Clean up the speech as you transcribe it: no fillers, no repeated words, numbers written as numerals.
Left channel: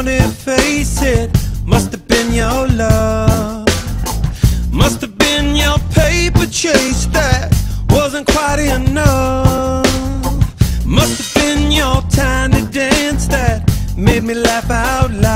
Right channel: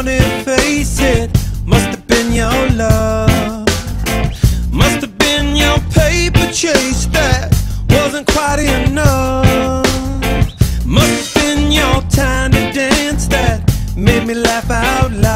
wanna face it, must have been your love. Must have been your paper chase that wasn't quite enough. Must have been your tiny dance that made me laugh out loud.